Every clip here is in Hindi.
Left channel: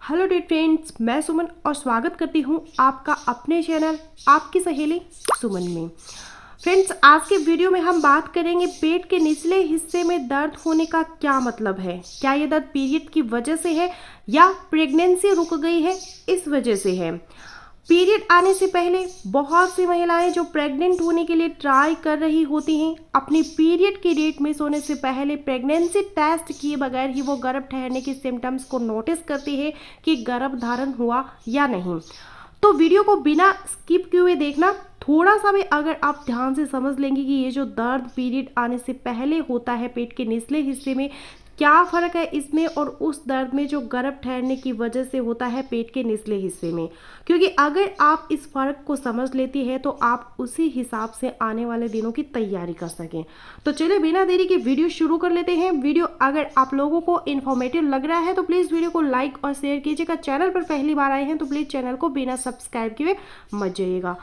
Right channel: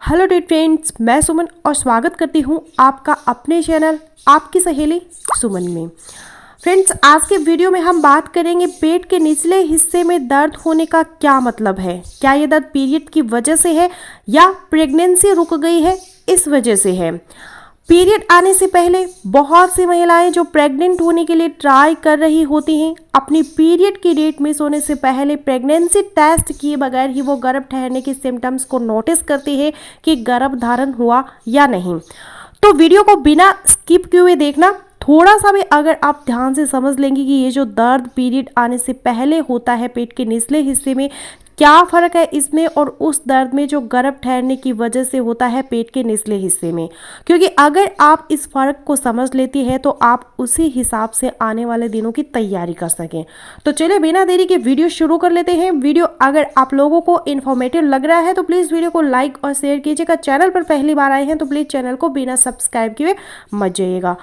हेलो डियर फ्रेंड्स, मैं सुमन और स्वागत करती हूँ आपका अपने चैनल आपकी सहेली सुमन में। फ्रेंड्स, आज के वीडियो में हम बात करेंगे पेट के निचले हिस्से में दर्द होने का क्या मतलब है। क्या ये दर्द पीरियड की वजह से है या प्रेगनेंसी रुक गई है इस वजह से है। पीरियड आने से पहले बहुत सी महिलाएं जो प्रेग्नेंट होने के लिए ट्राई कर रही होती हैं, अपनी पीरियड की डेट मिस होने से पहले प्रेगनेंसी टेस्ट किए बगैर ही वो गर्भ ठहरने के सिम्टम्स को नोटिस करती है कि गर्भ धारण हुआ या नहीं। तो वीडियो को बिना स्किप किए हुए देखना। थोड़ा सा भी अगर आप ध्यान से समझ लेंगे कि ये जो दर्द पीरियड आने से पहले होता है पेट के निचले हिस्से में, क्या फ़र्क है इसमें और उस दर्द में जो गर्भ ठहरने की वजह से होता है पेट के निचले हिस्से में। क्योंकि अगर आप इस फ़र्क को समझ लेती है तो आप उसी हिसाब से आने वाले दिनों की तैयारी कर सकें। तो चलिए बिना देरी के वीडियो शुरू कर लेते हैं। वीडियो अगर आप लोगों को इन्फॉर्मेटिव लग रहा है तो प्लीज़ वीडियो को लाइक और शेयर कीजिएगा। चैनल पर पहली बार आए हैं तो प्लीज़ चैनल को बिना सब्सक्राइब किए मत जाइएगा।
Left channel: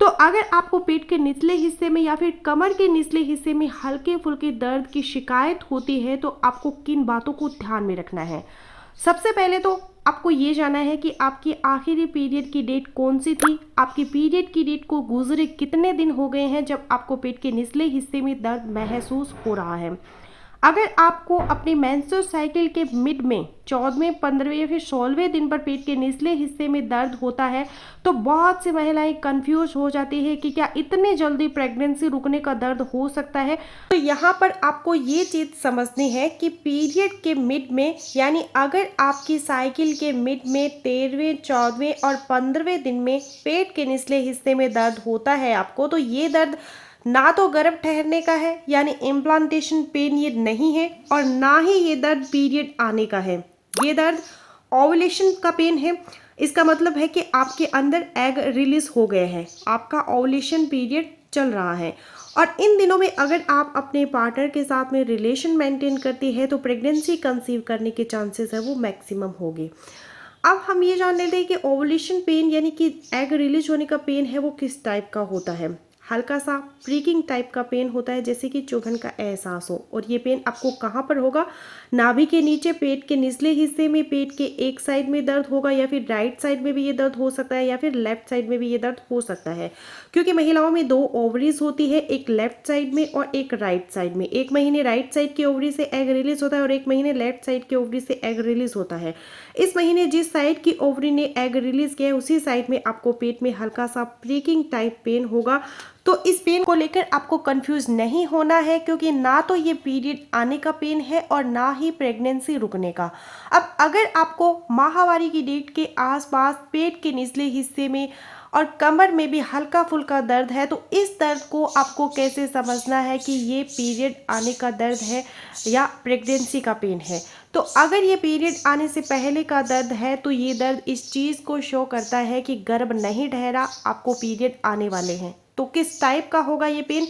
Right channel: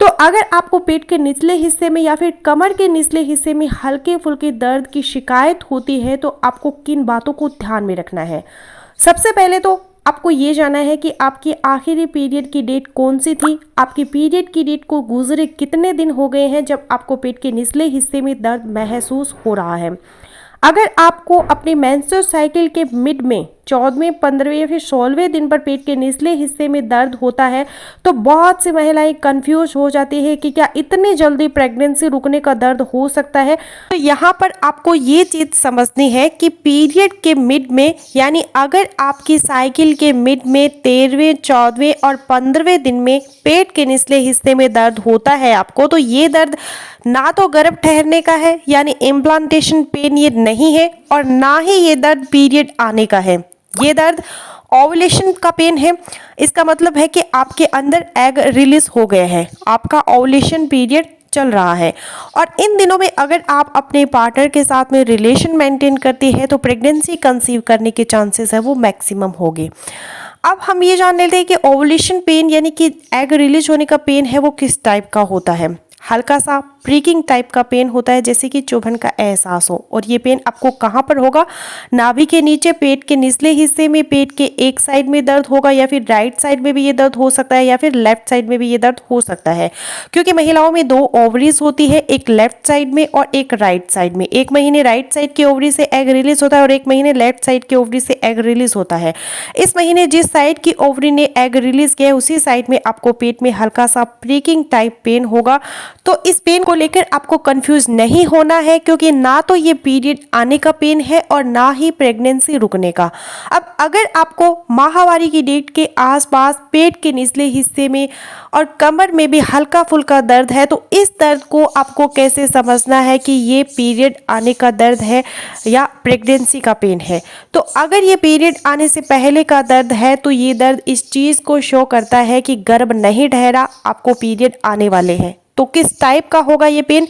तो अगर आपको पेट के निचले हिस्से में या फिर कमर के निचले हिस्से में हल्के फुल्के दर्द की शिकायत होती है तो आपको किन बातों को ध्यान में रखना है। सबसे पहले तो आपको ये जानना है कि आपकी आखिरी पीरियड की डेट कौन सी थी। आपकी पीरियड की डेट को गुजरे कितने दिन हो गए हैं जब आपको पेट के निचले हिस्से में दर्द महसूस हो रहा है। अगर आपको अपनी मेंस्ट्रुअल साइकिल के मिड में 14वें, 15वें या फिर 16वें दिन पर पेट के निचले हिस्से में दर्द होता है तो बहुत सी महिलाएं कंफ्यूज हो जाती है कि क्या इतनी जल्दी प्रेगनेंसी रुकने का दर्द हो सकता है। तो यहाँ पर आपको ये चीज़ समझनी है कि पीरियड के मिड में, यानी अगर आपकी साइकिल के मिड में 13वें, 14वें और 15वें दिन में पेट के निचले हिस्से में दर्द होता है आपको, तो ये दर्द ना तो गर्भ ठहरने का है यानी इम्प्लांटेशन पेन ये नहीं है, और ना ही ये दर्द पीरियड आने का है। ये दर्द ओवुलेशन का पेन है। इसका मतलब है कि आपके अंदर एग रिलीज हो गए हैं, आपका ओवुलेशन पीरियड चल रहा है। और इन दिनों में अगर आप अपने पार्टनर के साथ में रिलेशन मेंटेन करती है तो प्रेगनेंसी कंसीव करने के चांसेस है वो मैक्सिमम होगी। अब हम ये जान लेते हैं कि ओवुलेशन पेन यानी कि एग रिलीज होने का पेन है वो किस टाइप का होता है। हल्का सा प्रीकिंग टाइप का पेन होता है, जैसे कि चुभन का एहसास हो। और ये पेन आपको कहाँ पर होगा? नाभि के नीचे, पेट के निचले हिस्से में, पेट के एक साइड में दर्द होगा, या फिर राइट साइड में भी ये दर्द हो सकता है, या फिर लेफ्ट साइड में भी ये दर्द हो सकता है। क्योंकि महिलाओं में 2 ओवरीज होती है, एक लेफ्ट साइड में और एक राइट साइड में। 1 महीने राइट साइड के ओवरी से एग रिलीज होता है और 1 महीने लेफ्ट साइड के ओवरी से एग रिलीज होता है। इस महीने जिस साइड की ओवरी ने एग रिलीज किया है उसी साइड में आपको पेट में हल्का सा प्रीकिंग टाइप पेन होगा। तो इस पेन को लेकर आपको कंफ्यूज नहीं होना है, क्योंकि ना तो ये पीरियड आने का पेन है और ना ही प्रेगनेंसी रुकने का। अब अगर आपको माहवारी की डेट के आसपास पेट के निचले हिस्से में और कमर में भी हल्का फुल्का दर्द है तो इस दर्द को आपको कैसे समझना है कि ये पीरियड आने का दर्द है या प्रेगनेंसी का पेन है। तो अगर ये पीरियड आने से पहले का दर्द है तो ये दर्द इस चीज़ को शो करता है कि गर्भ नहीं ठहरा, आपको पीरियड आने वाले हैं। तो किस टाइप का होगा ये पेन?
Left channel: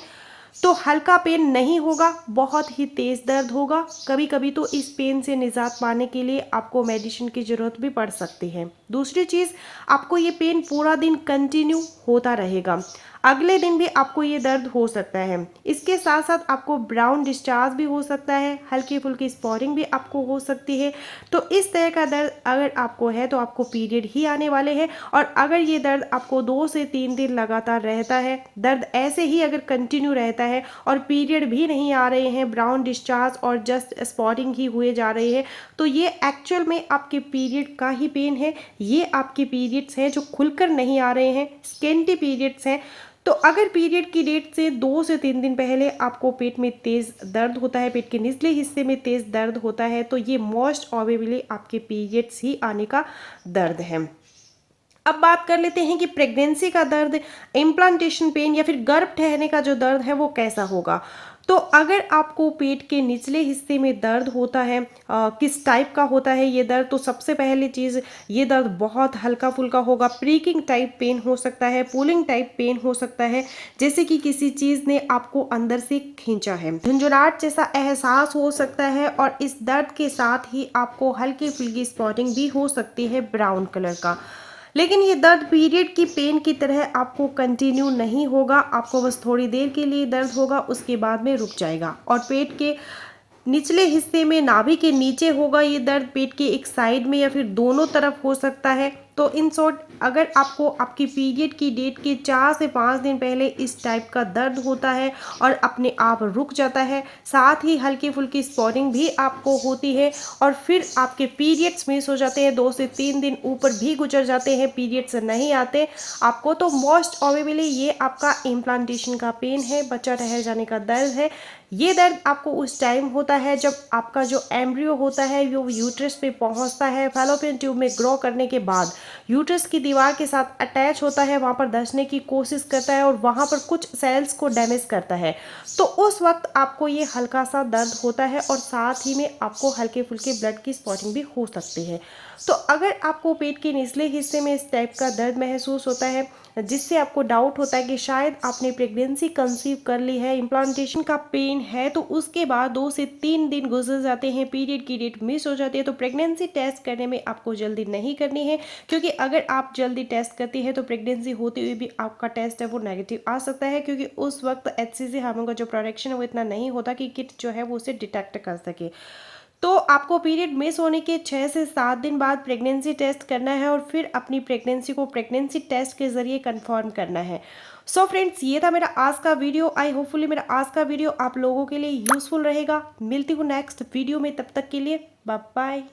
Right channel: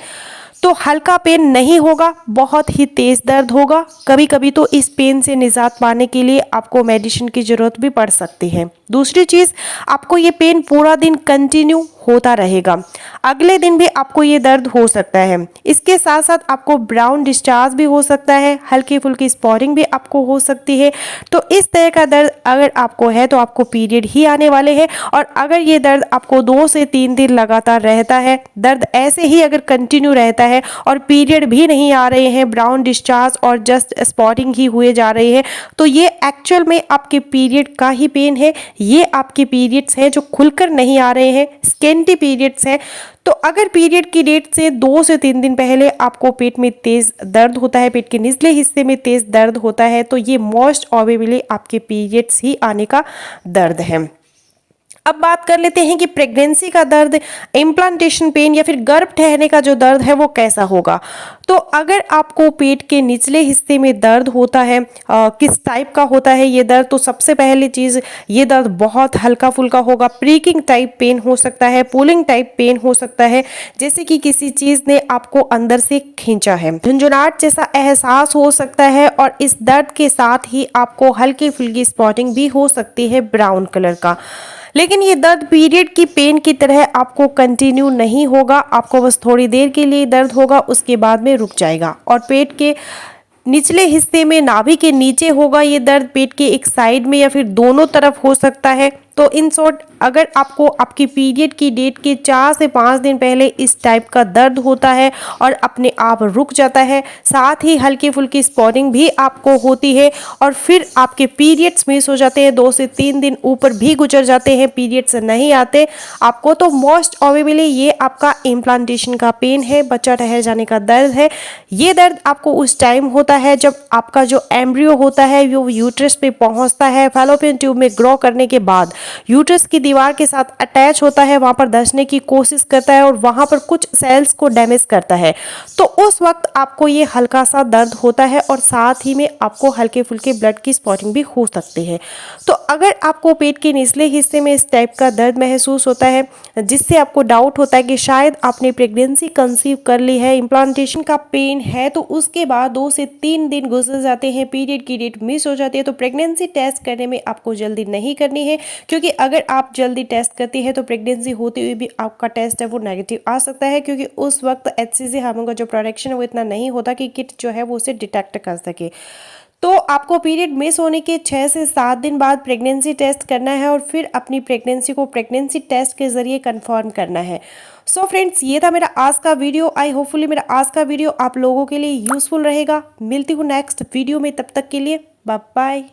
तो हल्का पेन नहीं होगा, बहुत ही तेज दर्द होगा। कभी कभी तो इस पेन से निजात पाने के लिए आपको मेडिसिन की जरूरत भी पड़ सकती है। दूसरी चीज़, आपको ये पेन पूरा दिन कंटिन्यू होता रहेगा, अगले दिन भी आपको ये दर्द हो सकता है। इसके साथ साथ आपको ब्राउन डिस्चार्ज भी हो सकता है, हल्की फुल्की स्पॉटिंग भी आपको हो सकती है। तो इस तरह का दर्द अगर आपको है तो आपको पीरियड ही आने वाले हैं। और अगर ये दर्द आपको 2 से 3 दिन लगातार रहता है, दर्द ऐसे ही अगर कंटिन्यू रहता है और पीरियड भी नहीं आ रहे हैं, ब्राउन डिस्चार्ज और जस्ट स्पॉटिंग ही हुए जा रहे हैं, तो ये एक्चुअल में आपके पीरियड का ही पेन है। ये आपके पीरियड्स हैं जो खुलकर नहीं आ रहे हैं, स्केंटी पीरियड्स हैं। तो अगर पीरियड की डेट से 2 से 3 दिन पहले आपको पेट में तेज दर्द होता है, पेट के निचले हिस्से में तेज दर्द होता है, तो ये मोस्ट प्रोबेबली आपके पीरियड्स ही आने का दर्द है। अब बात कर लेते हैं कि प्रेगनेंसी का दर्द, इम्प्लांटेशन पेन या फिर गर्भ ठहरने का जो दर्द है वो कैसा होगा। तो अगर आपको पेट के निचले हिस्से में दर्द होता है, किस टाइप का होता है ये दर्द? तो सबसे पहली चीज़, ये दर्द बहुत हल्का फुल्का होगा, प्रीकिंग टाइप पेन हो सकता है, पुलिंग टाइप पेन हो सकता है, जैसे कि किसी चीज़ ने आपको अंदर से खींचा है। झुंझुनाहट जैसा एहसास हो सकता है और इस दर्द के साथ ही आपको हल्की फुल्की स्पॉटिंग भी हो सकती है ब्राउन कलर का। लेकिन ये दर्द पीरियड की पेन की तरह आपको कंटिन्यू नहीं होगा, आपको बस थोड़ी देर के लिए दर्द होगा, उसके बाद में रुक जाएगा। और पेट के निचले हिस्से में नाभि के नीचे होगा ये दर्द, पेट के एक साइड में या फिर दोनों तरफ हो सकता है। तो इन शॉर्ट अगर आपको आपकी पीरियड की डेट के 4 से 5 दिन पहले इस टाइप का दर्द होता है और अपने आप रुक जाता है, साथ ही हल्की फुल्की स्पॉटिंग भी आपको होती है और फिर आपके पीरियड्स मिस हो जाते हैं, 2 से 3 दिन ऊपर भी गुजर जाते हैं, पीरियड्स नहीं आते आपको, तो मोस्ट प्रोबेबली ये आपका इम्प्लांटेशन का पेन है, बच्चा ठहर जाने का दर्द है। ये दर्द आपको उस टाइम होता है जब आपका जो एम्ब्रियो होता है वो यूट्रस पे पहुंचता है, फैलोपियन ट्यूब में ग्रो करने के बाद यूट्रस की दीवार के साथ अटैच होता है, वहां पर धंसने की कोशिश करता है और वहां पर कुछ सेल्स को डैमेज करता है। तो उस वक्त आपको ये हल्का सा दर्द होता है और साथ ही में आपको हल्के फुल्के ब्लड की स्पॉटिंग भी हो सकती है। तो अगर आपको पेट के निचले हिस्से में इस टाइप का दर्द महसूस होता है जिससे आपको डाउट होता है कि शायद आपने प्रेगनेंसी कंसीव कर ली है, इम्प्लांटेशन का पेन है, तो उसके बाद 2 से 3 दिन गुजर जाते हैं, पीरियड की डेट मिस हो जाती है, तो प्रेगनेंसी टेस्ट करने में आपको जल्दी नहीं करनी है, क्योंकि अगर आप जल्दी टेस्ट करती है तो प्रेगनेंसी होते हुए भी आपका टेस्ट है वो नेगेटिव आ सकता है, क्योंकि उस वक्त HCG हार्मोन का जो प्रोडक्शन है वो इतना नहीं होता कि किट जो है वो उसे डिटेक्ट कर सके। तो आपको पीरियड मिस होने के 6 से 7 दिन बाद प्रेगनेंसी टेस्ट करना है और फिर अपनी प्रेगनेंसी को प्रेगनेंसी टेस्ट के ज़रिए कंफर्म करना है। सो फ्रेंड्स, ये था मेरा आज का वीडियो। आई होपफुली मेरा आज का वीडियो आप लोगों के लिए यूज़फुल रहेगा। मिलती हूँ नेक्स्ट वीडियो में, तब तक के लिए बाय बाय।